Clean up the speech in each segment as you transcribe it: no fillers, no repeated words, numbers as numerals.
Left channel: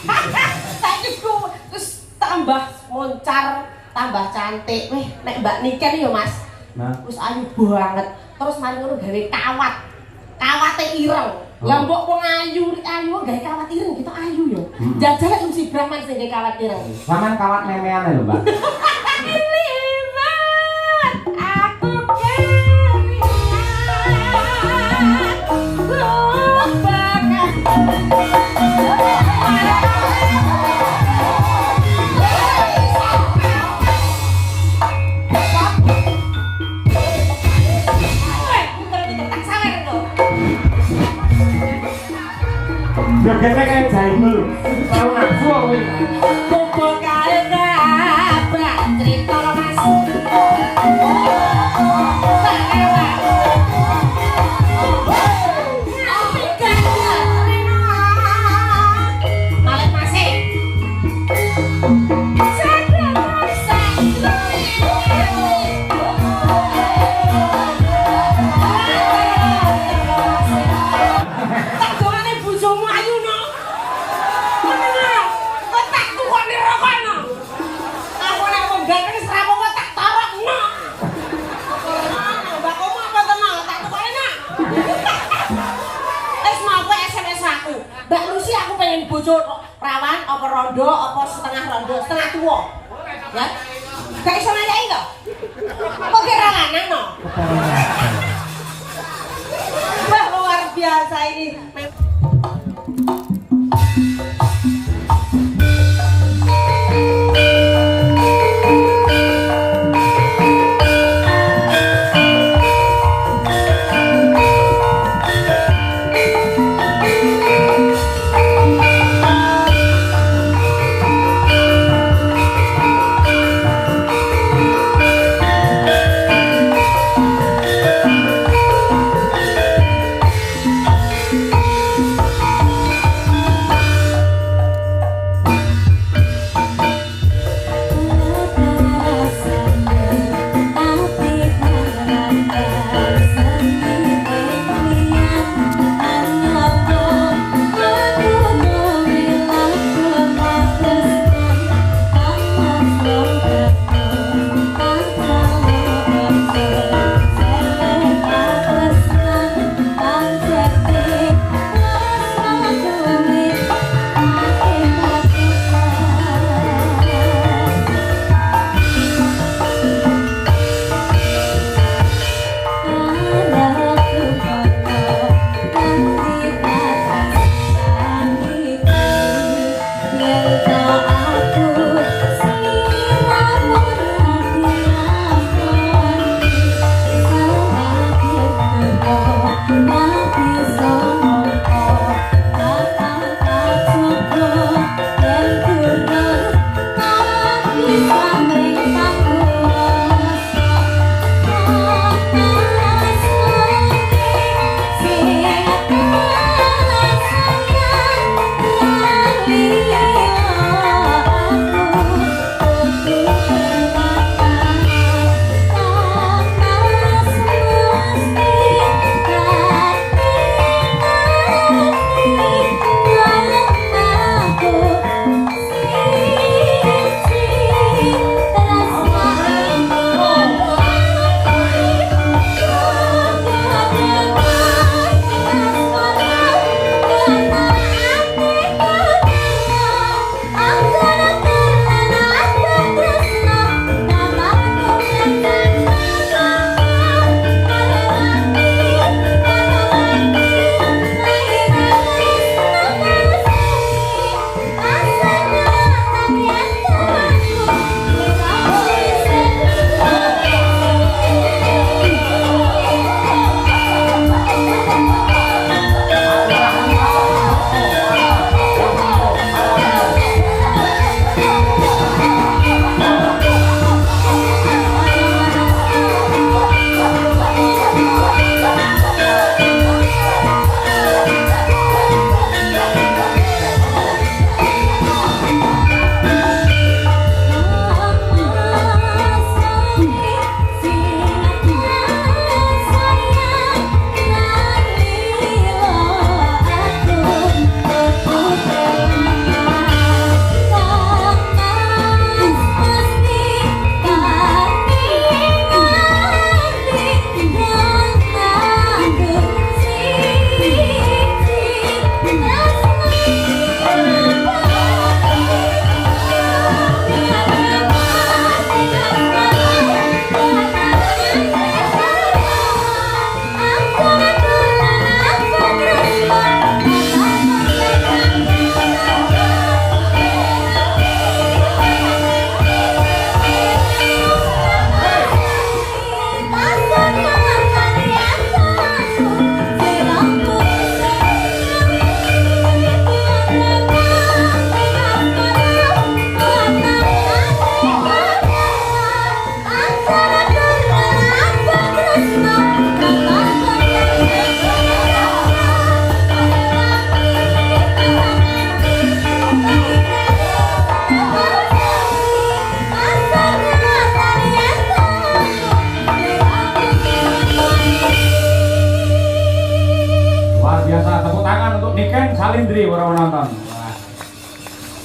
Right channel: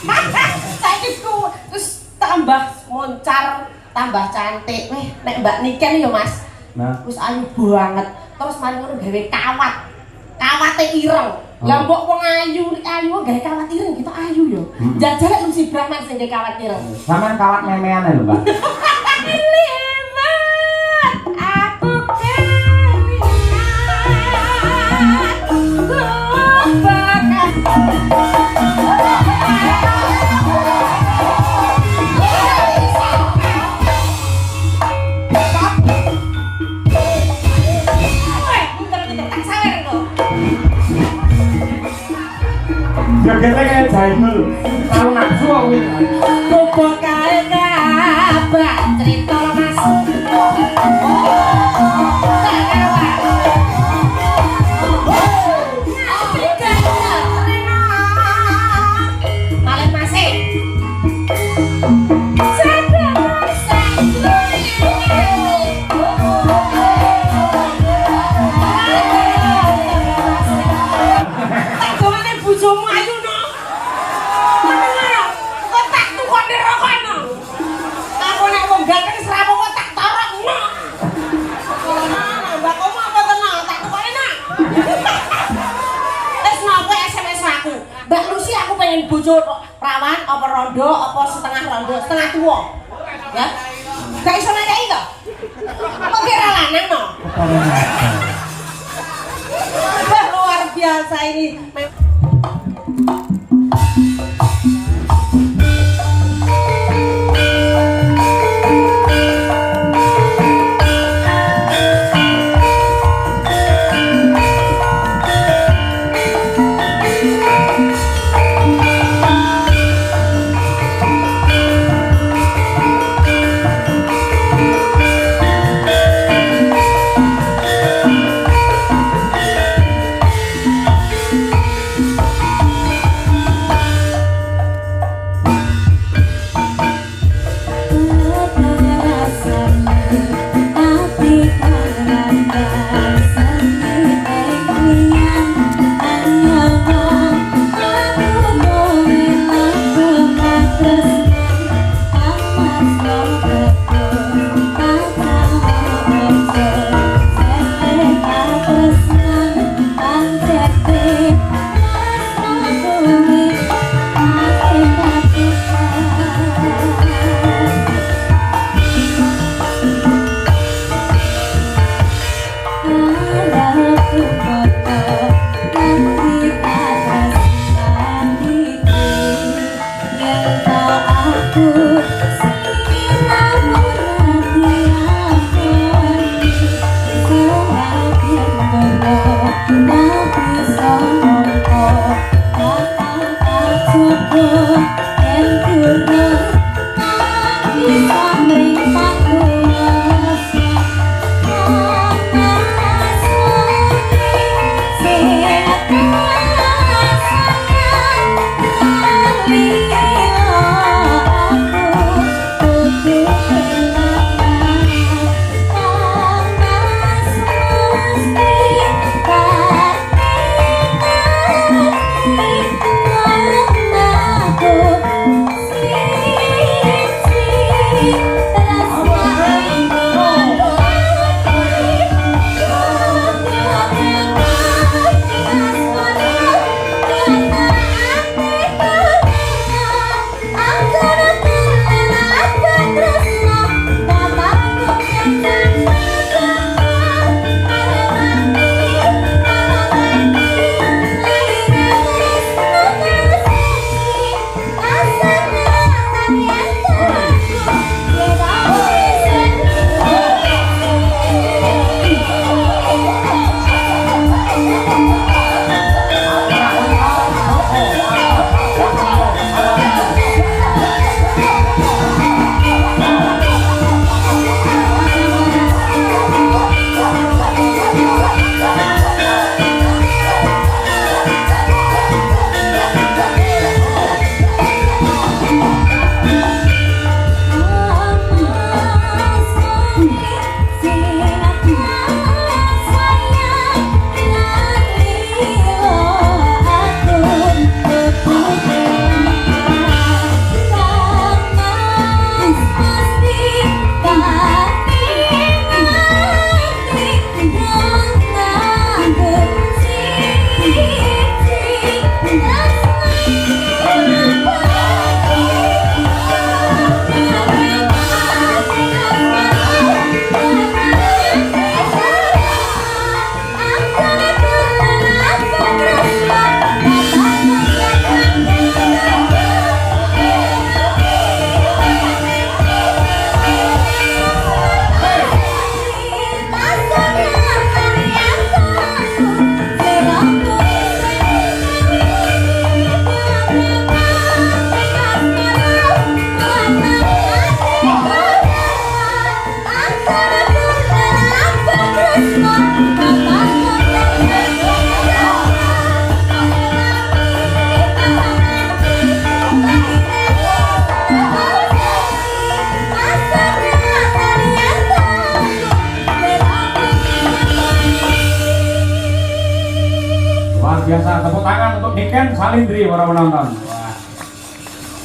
Saiki ku terus tambah moncar, tambah cantik. Nek Mbak Niken ya Mas. Nah, Terus ayu banget. Terus mari ngono gawe kawat. Kawate ireng. Lah mbok wong ayu gawe kawat ireng kita ayu yo. Jajal lek mesti Brahman sing gawe kawat ireng. sampean kawat memean lho, Mbak. Aku Ya kene kae jaimul. Tahu nafsu kowe. Bobo kae nabak cerita Mas. Malah masih. Bojomu ayu no. Ngono. Otak tukok dirokono. Aku nek wong gak wis rapo otak torokno. Mbak kamu apa tenang otak tukok enak. Wis napa SMS aku? Mbak Lucy aku pengen bojo perawan apa rondo apa setengah rondo, setengah tua. Ya. Gak iso nanyai to? Kok kira lanang no? Luar biasa ini.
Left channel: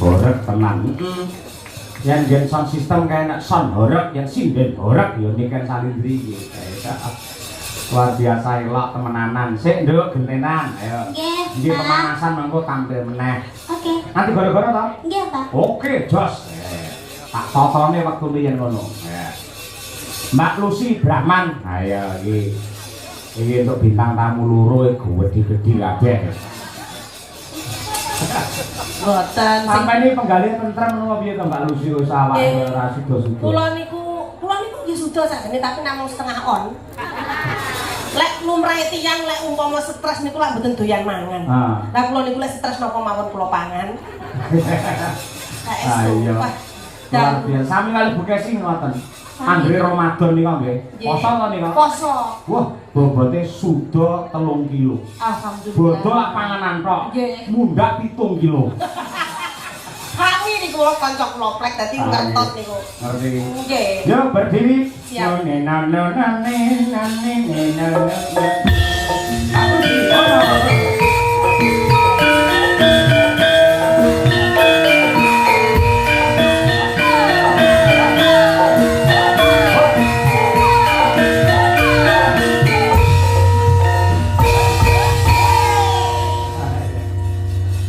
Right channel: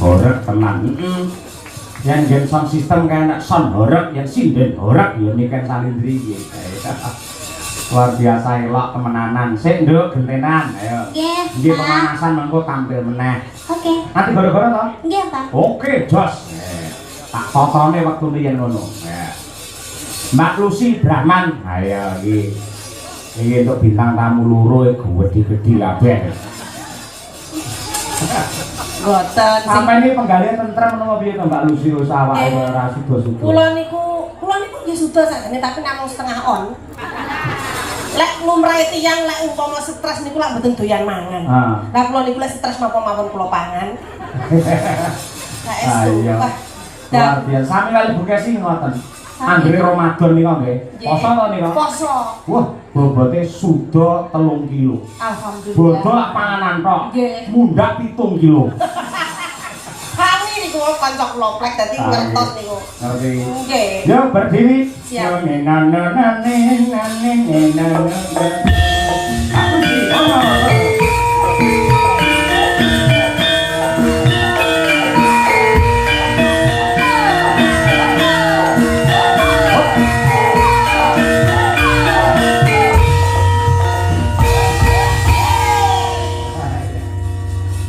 horeg tenan. Yang game sound system kayak sound horeg, yang sinden horeg ya niken salindri iki. Luar biasa elok temenanan. Sik nduk gentenan, ayo. Nggih. Nggih pemanasan mengko tampil meneh. Oke. Nanti gara-gara to? Nggih, Pak. Oke, jos. Tak totone waktu riyen ngono. Mbak Lucy Brahman. Ayo iki. Iki untuk bintang tamu loro iku gede-gede kabeh. Boten. Sampai ini penggalian tentrem menapa piye to Mbak Lucy usaha ora sudo-sudo. Kula niku nggih suda sakjane tapi namung setengah on. Lek lumrahe tiyang lek umpama stres niku lak mboten doyan mangan. Lah kula niku lek stres napa mawon kula pangan. Ayo. Luar biasa. Sami kali Bu Kesi ngoten. Anggere Ramadan niku nggih. Poso to niku? Poso. Wah, bobote suda 3 kilo. Alhamdulillah. Bodol panganan tok. Mundhak 7 kilo. Kami niku kanca kula plek dadi ngertos niku. Ngerti. Nggih. Yo berdiri. Siap.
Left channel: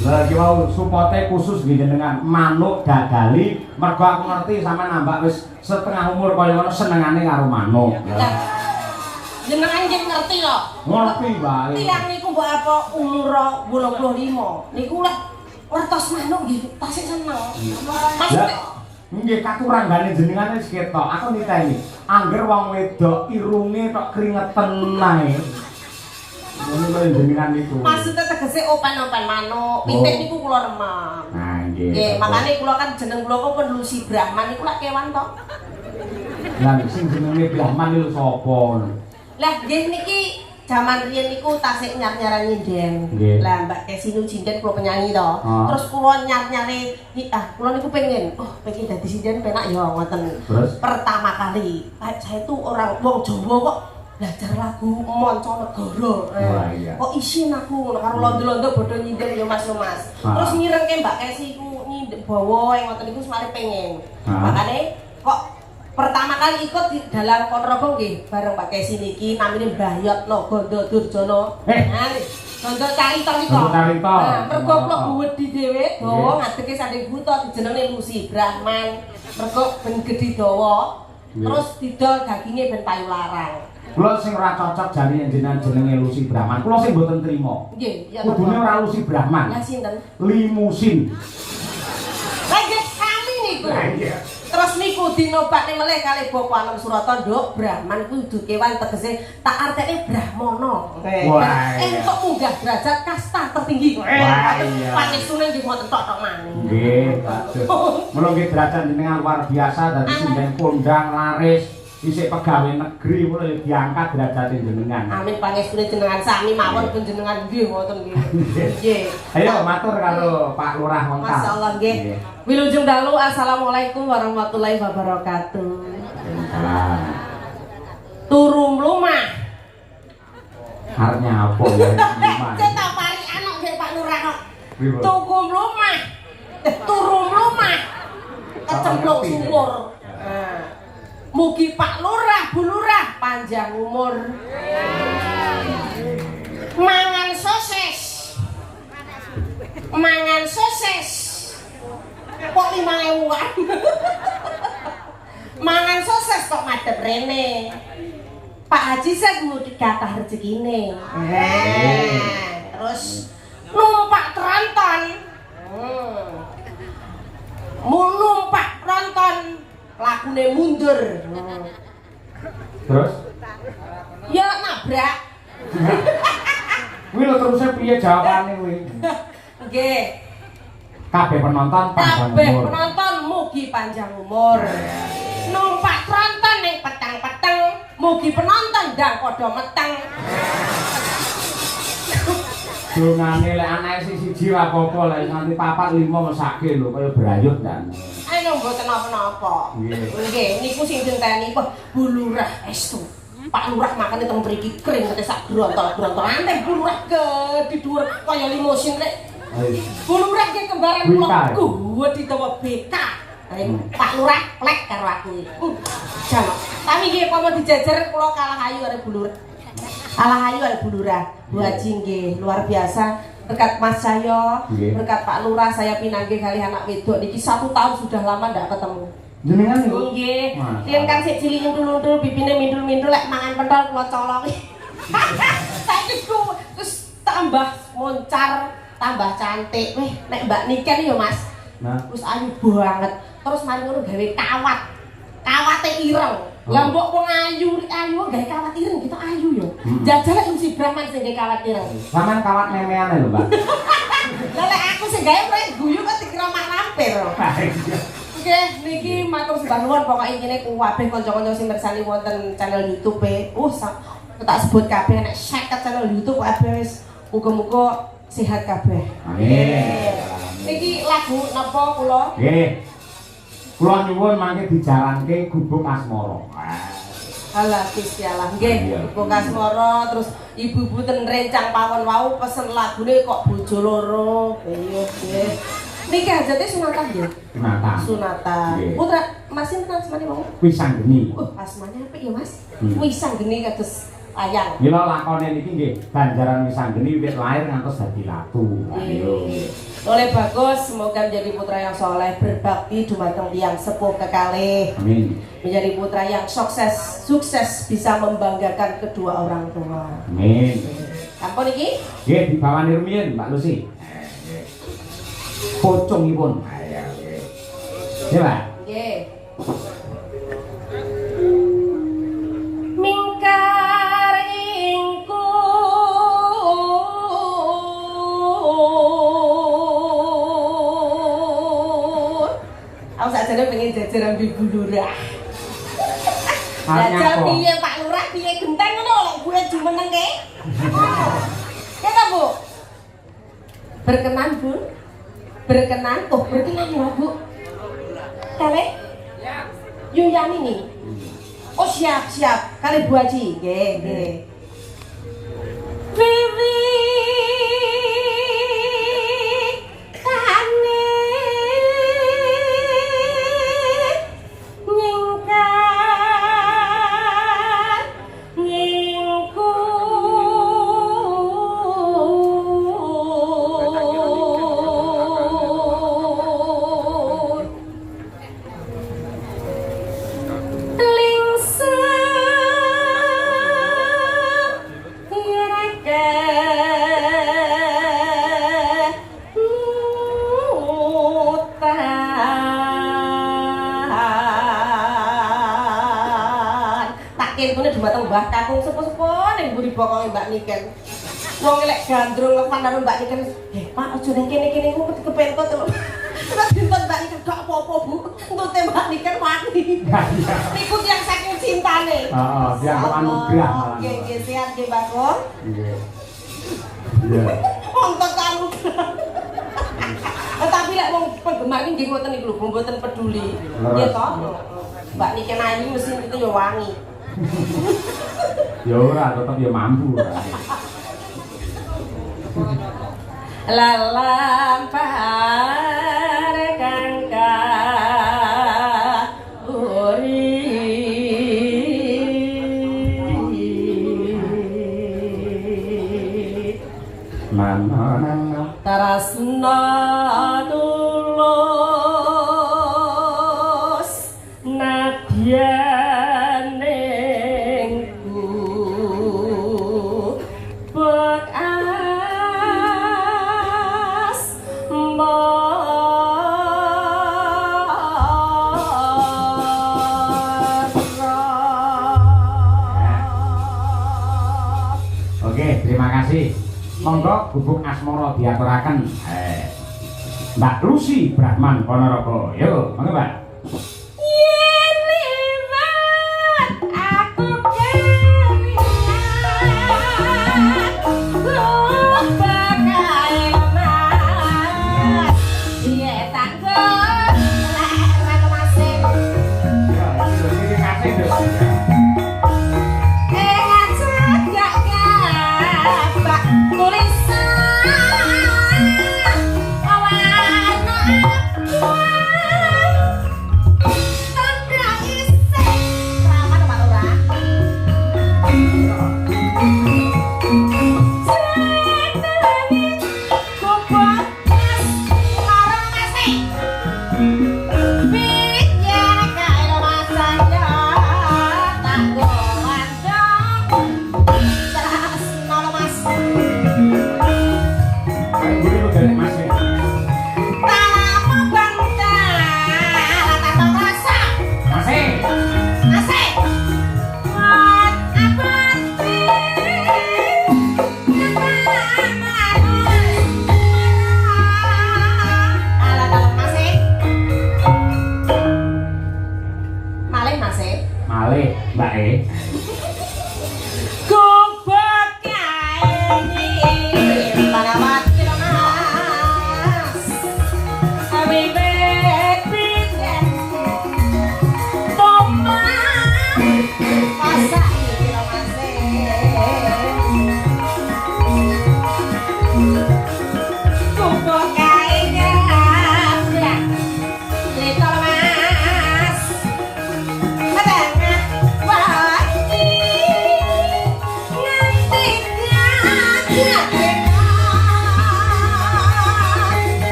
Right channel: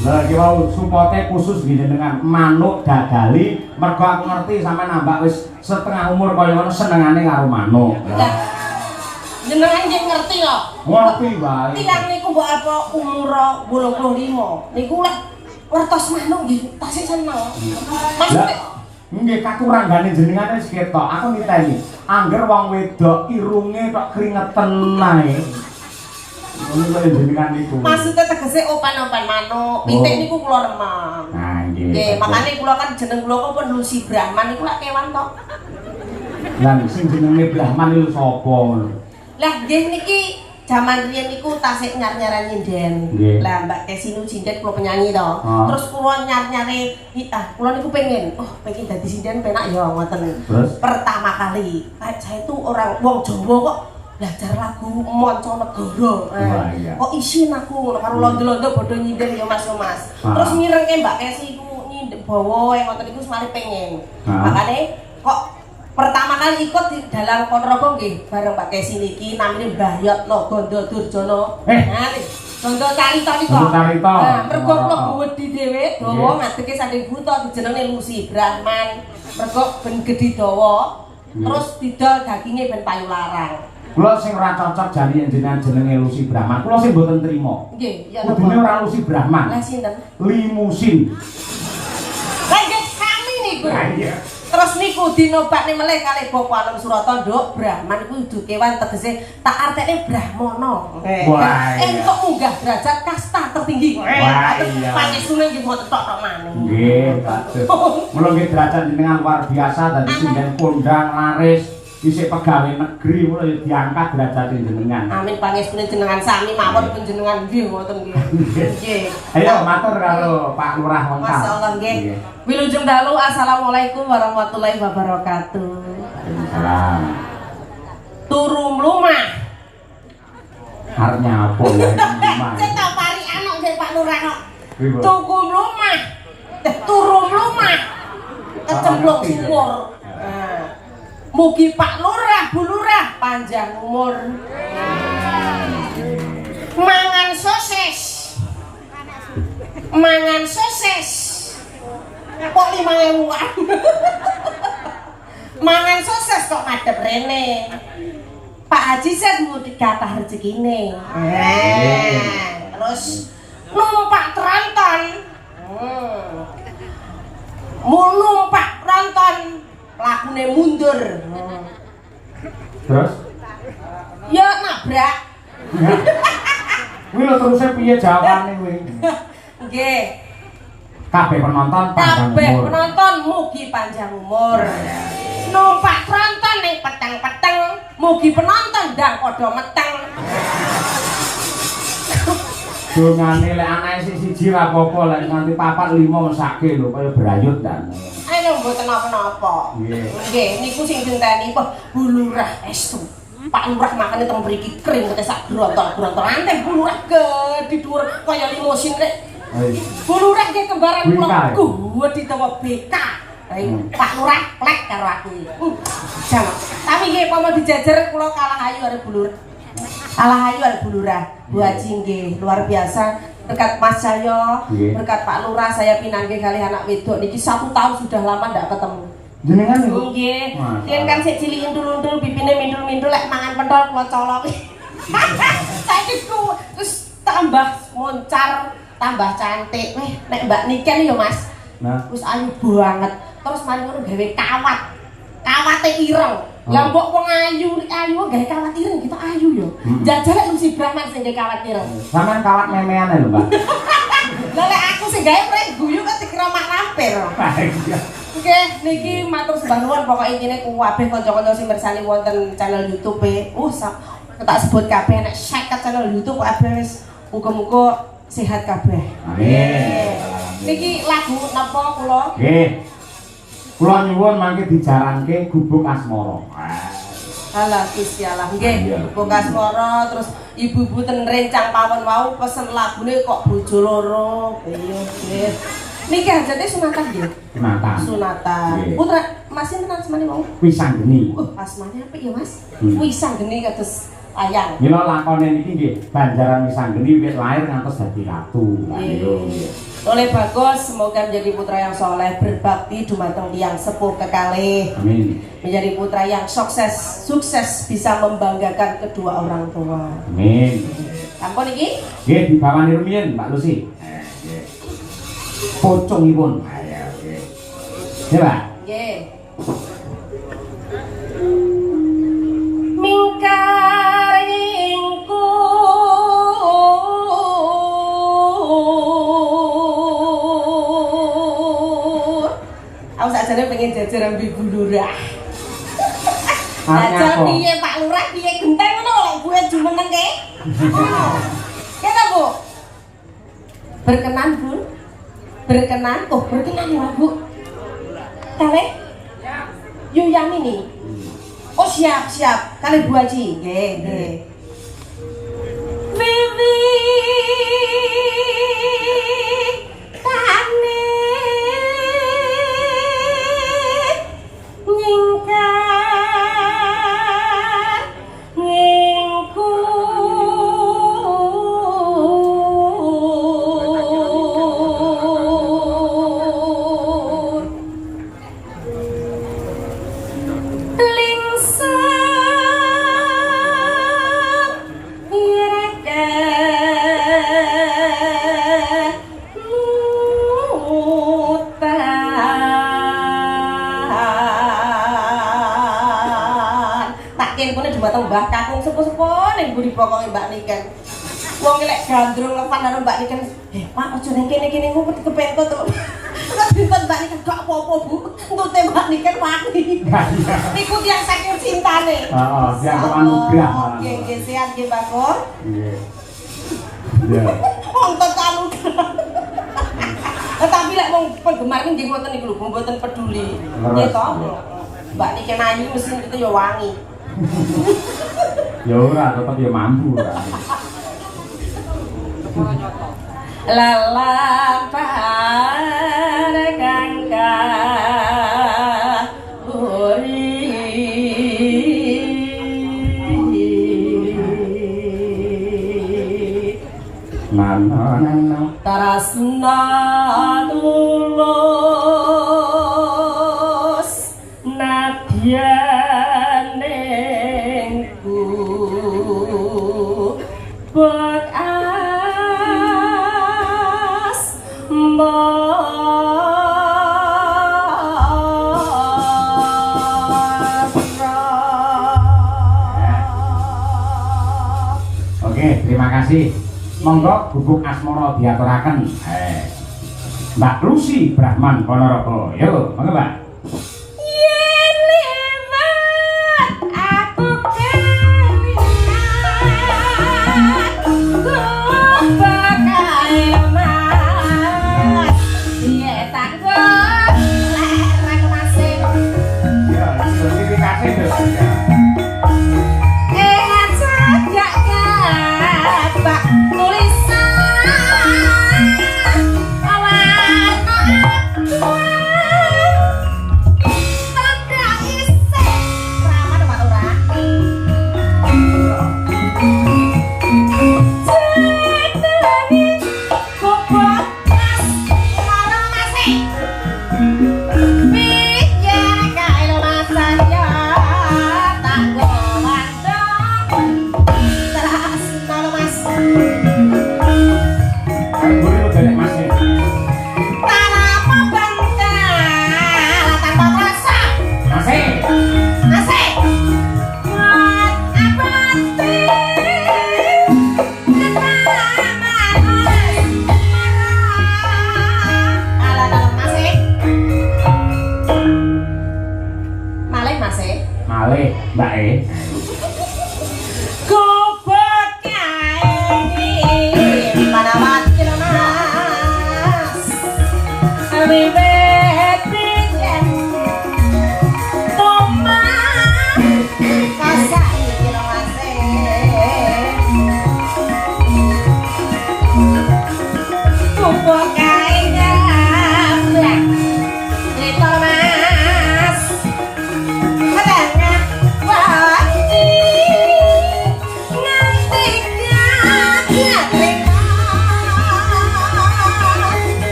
Lagi mau supporte khusus gini dengan manuk dagali mergo aku ngerti sampe nambah wis setengah umur kaya ngono senengane karo manuk. Jenengan nggih ngerti lho. Ngerti wae. Tiyang niku mbok apa umur 85. Niku lek wertos manuk nggih tasih seneng. Maksudnya nggih katuranggane jenengane wis ketok. Aku niteni. Angger wong wedok irunge tok kringeten ae. Ngono lho jenengan niku. maksudnya tegese opan-opan manuk, pitik niku kula remen. Nah, nggih. Nggih, makane kula kan jeneng kula kok Lucy Brahman niku lak kewan tok. Lah sing jenenge Brahman iku sapa? Lah nggih niki jaman riyen niku tasik nyar-nyaran nyinden. Lah Mbak Kesi nu sinden kula penyanyi to. Terus kula nyar-nyare kula niku pengen dadi sinden penak ya ngoten. Pertama kali saya tuh orang wong Jawa kok belajar lagu Mancanegara. Kok isin aku karo londo-londo bodho nyinden ya Mas. Terus ngirengke Mbak Kesi ku nyindek bawa ngoten niku semari pengen. Makane kok pertama kali ikut di dalam Ponorogo nggih bareng Mbak Kesi niki namine Mbayotno Gondo Durjono. Gondo Carita niku. Mergo kula wedi dhewe dawa ngadeke sanding buta dijenenge Lucy Brahman. Mergo ben gedhi dawa. Terus didol daginge ben payu larang. Kula sing ora cocok jari jenenge Lucy Brahman. Kula sing mboten trima. Nggih, ya kudune ora Lucy Brahman. Lah sinten? Limusin. Lah nggih kami niku. Iya. Terus niku dinobakne meleh kalih Bapak Anom Surata, Nduk, Brahman kudu kewan tegese tak artine Brahmana. Wah. Entuk munggah derajat kasta tertinggi. Wah iya. Panjenengan nggih mboten tok maneh. Nggih, bagus. Mula nggih derajat jenengan luar biasa dadi sinden kondang laris. Isih pegawai negeri mulai diangkat derajat jenengan. Amin pangestune jenengan sami mawon panjenengan nggih ngoten nggih. Nggih. Ayo matur karo Pak Lurah Wongkal. Masyaallah nggih. Wilujeng dalu assalamualaikum warahmatullahi wabarakatuh. Salam. Turu mlumah. Arepnya apa ya mlumah? Cek pari anak nggih Pak Lurah kok. Tuku mlumah. Turu mlumah. Kecemplung sumur. Mugi Pak Lurah, Bu Lurah panjang umur. Mangan sosis. Mangan sosis. Kok 5.000-an. Mangan sosis kok madhep rene. Pak Haji saya mudik kathah rezekine. Terus numpak tronton. Numpak tronton. Lakune mundur. Terus? Ya nabrak. Kuwi lho terus piye jawabane kuwi? Nggih. Kabeh penonton panjang Kabeh umur. penonton mugi panjang umur. Numpak tronton ning peteng-peteng, mugi penonton ndang padha meteng. Dongane lek anake siji ra apa-apa lek nganti 4 5 mesake lho kaya brayut dan. Ayo mboten napa-napa. Nggih. Nggih, niku sing dinteni kok Bu Lurah estu. Pak Lurah makane teng mriki kering kate sak grontol-grontol. Anteng Bu Lurah gedhi dhuwur kaya limusin rek. Bu Lurah nggih kembaran Bika. kula. Kuwat ditawa BK. Pak Lurah lek karo aku. Jam. Tapi nggih pamane dijajar kula kalah ayu karo Bu Lurah. Kalah ayu karo Bu Lurah. Bu Haji nggih luar biasa. Berkat Mas Cahyo, berkat Pak Lurah saya pinanggih kali anak wedok niki 1 tahun sudah lama ndak ketemu. Jenengan niku? Nggih. Riyen kan sik cilik undul-undul bibine mindul-mindul lek mangan pentol kula colok. Saiki ku terus tambah moncar, tambah cantik. Nek Mbak Niken ya Mas. Nah, Wis ayu banget. Terus mari ngono gawe kawat. Kawate ireng. Lah mbok wong ayu gawe kawat ireng kita ayu yo. Jajal lek mesti Brahman sing gawe kawat ireng. sampean kawat memean lho, Mbak. Lah lek aku sing gawe rek guyu kok dikira mak lampir. Oke, niki matur sembah nuwun pokoke intine kabeh kanca-kanca sing mirsani wonten channel YouTube tak sebut kabeh nek 50 channel YouTube kabeh wis muga-muga sehat kabeh. Amin. Niki lagu napa kula? Nggih. Kula nyuwun mangke dijalanke Gubuk Asmara. Alah Gusti Allah nggih, Gubuk Asmara terus ibu-ibu ten rencang pawon wau pesen lagune kok bojo loro. Nggih. Niki hajate sunatan nggih. Sunatan. Putra Mas sinten asmane mau? Wisanggeni. Asmane apik ya Mas? Wisanggeni kados ayang. Mila lakone niki nggih Banjaran Wisanggeni wiwit lahir ngantos dadi ratu. Ayo. Oleh bagus, semoga menjadi putra yang soleh, berbakti dumateng tiyang sepuh kekalih. Amin. Menjadi putra yang sukses bisa membanggakan kedua orang tua. Amin. Ampun iki? Nggih dibawani rumiyin Mbak Lucy. Nggih. Pocongipun. Ayo nggih. Nggih, Pak. Nggih. Mingkar ingku aku sakjane pengen jajar ambil gulurah. Jajal piye Pak Lurah piye genteng ngono lek gue jumeneng ke? Kena Bu? Berkenan Bu? Berkenan? Oh berkenan ya Bu? Kale? Yuyang ini? Oh siap. Kali Bu Haji. Nggih. Vivi kane nyingkar ngingku dumateng Mbah Kakung sepuh-sepuh ning mburi pokoke Mbak Niken. Wong lek gandrung lepan karo Mbak Niken, Pak aja ning kene-kene ku kepentut to." Terus dinten Mbak Niken gak apa-apa Bu, entute Mbak Niken wani. Niku tiyang saking cintane. Heeh, tiyang anugrah. Nggih, sehat nggih Pak Kor. Nggih. Ya. Ontot anugrah. Tapi lek wong penggemar nggih mboten niku lho, mboten peduli. Nggih to. Mbak Niken ayu mesin itu ya wangi. Ya ora, tetep ya mampu. Lalampar kangka uri Nana tarasna tulus nadyanengku bekas Oke, terima kasih. Monggo Gubuk Asmara diaturaken. Mbak Lucy Brahman Ponorogo. Yo, monggo Mbak.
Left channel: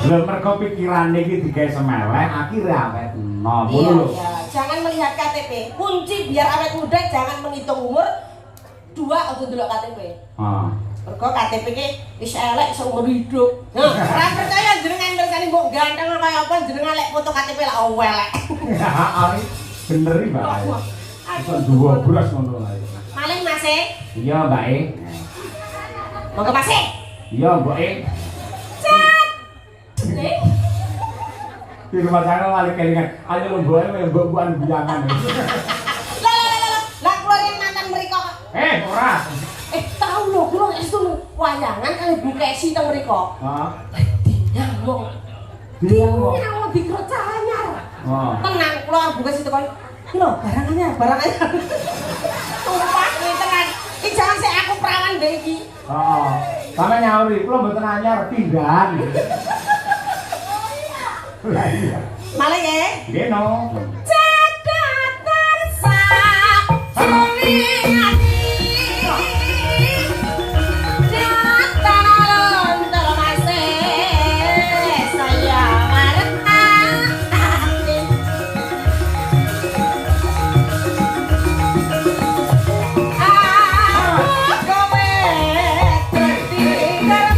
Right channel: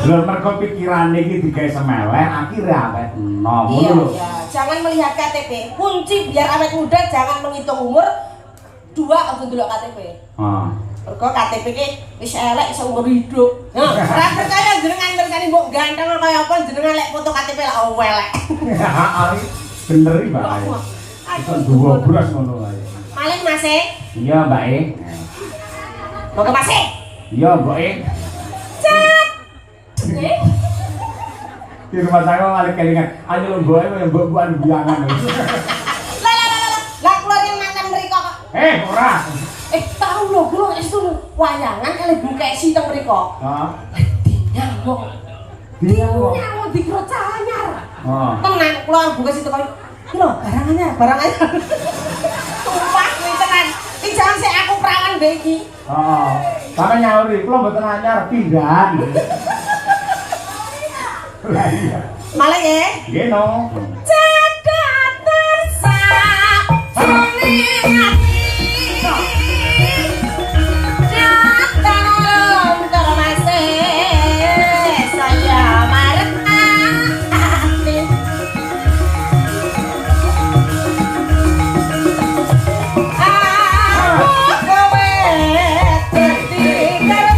Belum mergo pikiran iki digawe semeleh akhirnya awet enom. Iya, iya. Jangan melihat KTP. Kunci biar awet muda jangan menghitung umur. Dua aja ndelok KTP. Heeh. Mergo KTP iki wis elek iso umur hidup. Nah, ora percaya jenengan tersane mbok ganteng kaya apa jenengan lek foto KTP lek elek. Ari bener iki, Mbak. Iso duwe beras ngono ae. Maling Mas e? Iya, Mbak e. Mau ke Mas e? Iya, Mbak e. Di rumah saya malah kelingan, ayo lo gue yang buan biangan. Lah keluar yang mantan mereka kok. Ora. Tahu lo, gue itu wayangan kali buka isi tang mereka. Dia mau dikira anyar. Tenang, keluar buka situ kan. Lo barang anyar. Sumpah nih tenan. Ini jangan sih aku perangan begi. Sama nyari, lo mboten anyar pindahan. Malah ya? Nggih no. Cedak tersak sulingan datang termasih saya merhati aku kowe tertinggal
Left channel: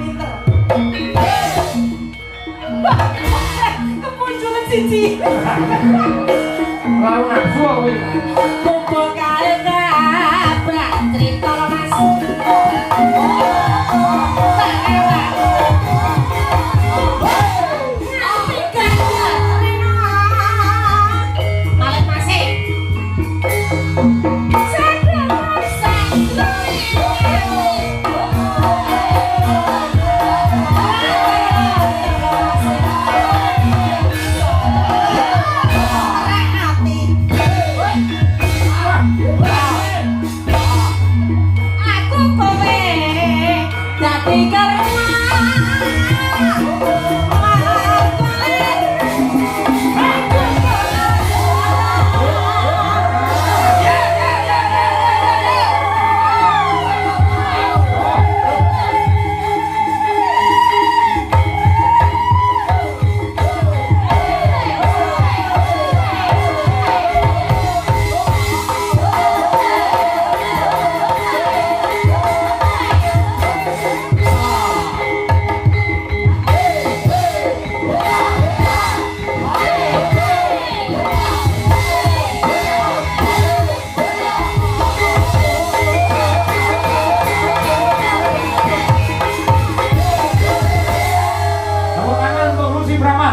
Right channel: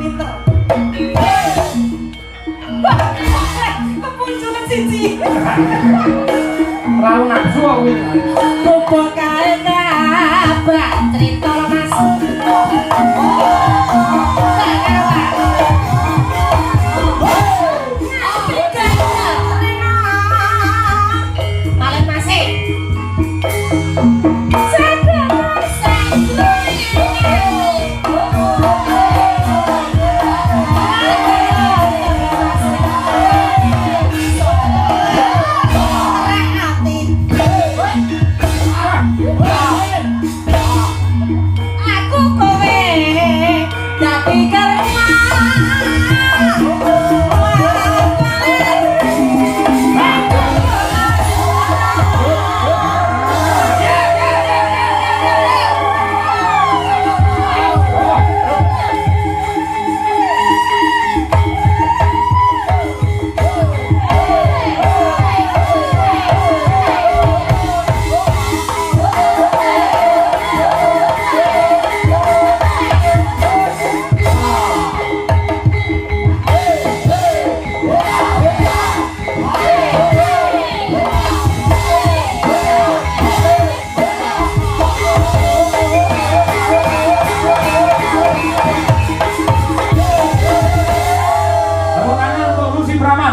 pinter. Kepunculan siji. Lalu nafsu aku ini. Bobo kae nabrak cerita Mas. Malah masih. Aku kowe dadi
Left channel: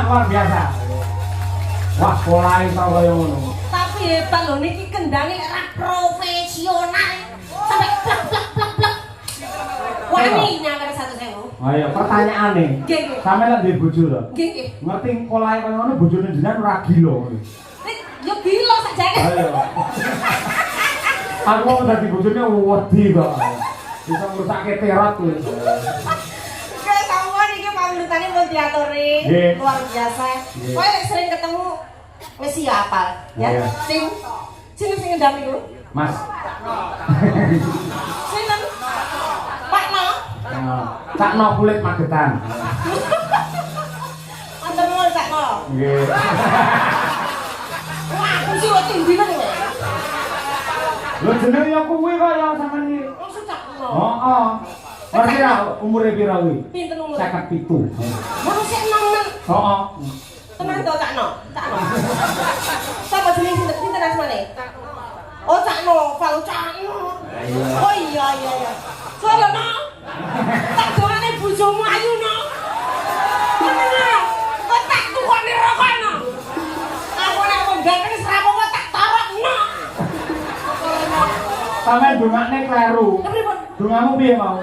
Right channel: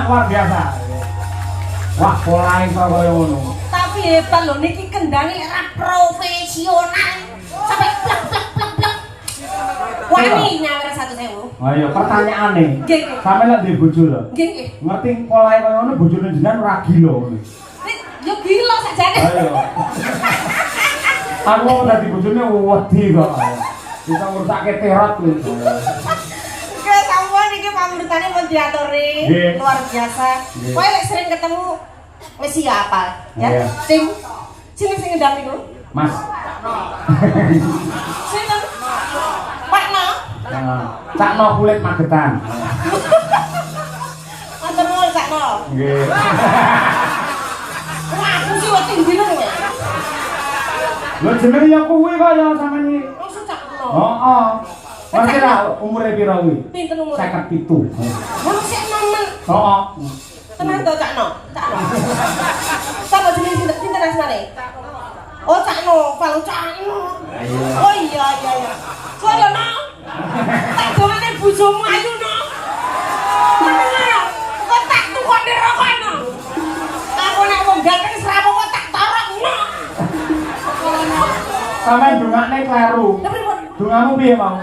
luar biasa. Wah, pola iso koyo ngono. Tapi hebat lho niki kendhange ora profesional. Sampai blak blak blak blak. Wani nyawar 1.000. Ayo pertanyaane. Nggih, nggih. Sampe lek duwe bojo lho. Nggih, nggih. Ngerti polahe koyo ngono bojone jenengan ora gila ngono. Yo gila sajane. Ayo. Aku dadi bojone wedi kok. Bisa ngrusakke terot lho. Urutannya mau diaturi, luar biasa. Kowe lek sering ketemu wis siapa ya? Sing ngendami ku? Mas. Sinten? Pak No. Cak No kulit Magetan. Wonten nuwun Cak No. Nggih. Aku sih wedi bener ya. Lho jenenge ya kuwi kok ya sampean iki. Oh, Cak No. Heeh. Ngerti ra umure piro kuwi? Pinten umur? 57. Masih enom-enom. Heeh. Tenan to Cak No. Cak No. Sapa jenenge sinten asmane? Oh Cak No, kalau Cak No. Oh iya iya iya. Soale No. Tak dongane bojomu ayu No. Tenan. Kok tak tukone rokok No. Aku nek wenggal kan serapo kok tak torok No. Sampeyan dongane kleru. Dongamu piye, Mang?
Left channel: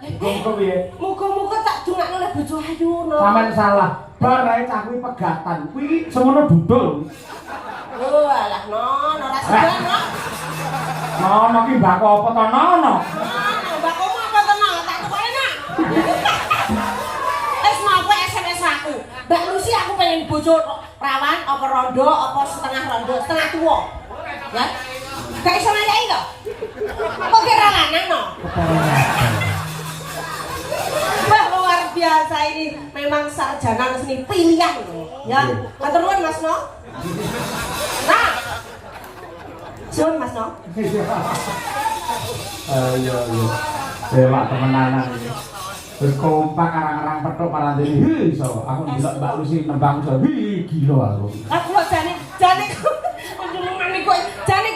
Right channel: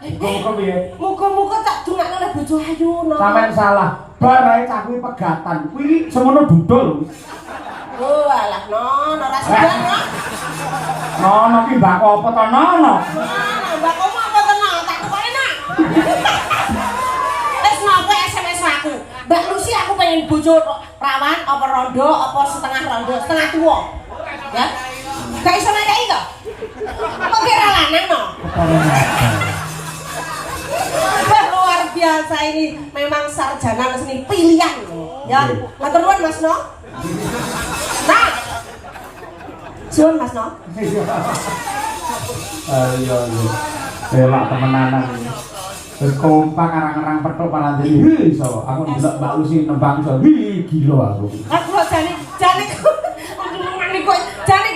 Muga piye? Muga-muga tak dongakno oleh bojo ayu No. Sampeyan salah. Bar ae cah kuwi pegatan. Kuwi semono dudul. Oh alah No, ora segan No. Nono ki mbak apa to Nono? Mbak kamu apa to No? Tak tukone nak. Wis napa SMS aku? Mbak Lucy aku pengen bojo rawan apa rondo apa setengah rondo, setengah tua. Ya. Gak iso ngayahi to? Kok kira lanang No? Luar biasa ini memang sarjana seni pilihan ya. Matur nuwun Mas No. Nah. Suwun Mas No. Iya iya. Elak temenanan iki. Terus kompak arang-arang petuk malah jadi iso. Aku ndelok Mbak Lucy nembang iso. Wih, gila aku. Aku jane